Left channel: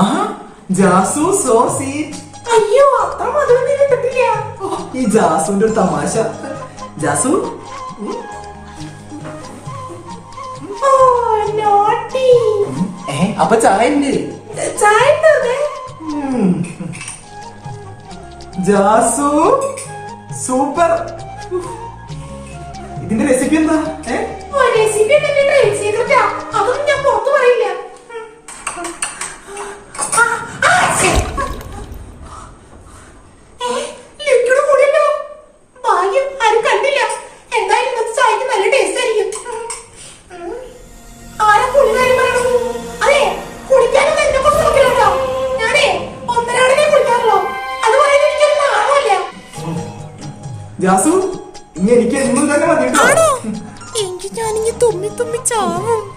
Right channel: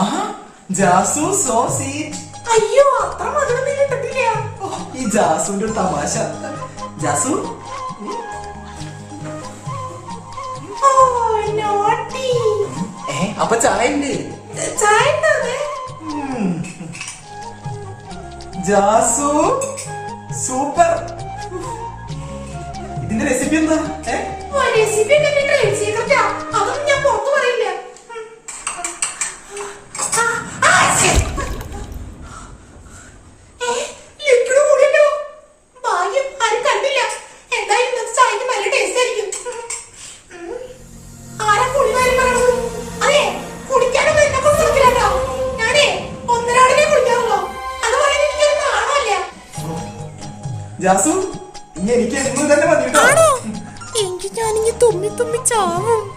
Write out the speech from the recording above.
ആഹാ, ജാസു so sweet. അയ്യോ, അത്ര മധുരം നീ കിട്ടില്ല. ഈ ജാസുവിന്റെ ഒരു തമാശ. ജാസു അപ്പൊ ചായ ഉണ്ട്. ജാസു സൂപ്പർ. ഇതിന്റെ റെസിപ്പി എന്താ? റെസിപ്പി അതൊന്നും ഞാൻ പുറത്തു പറയില്ല. ജാസു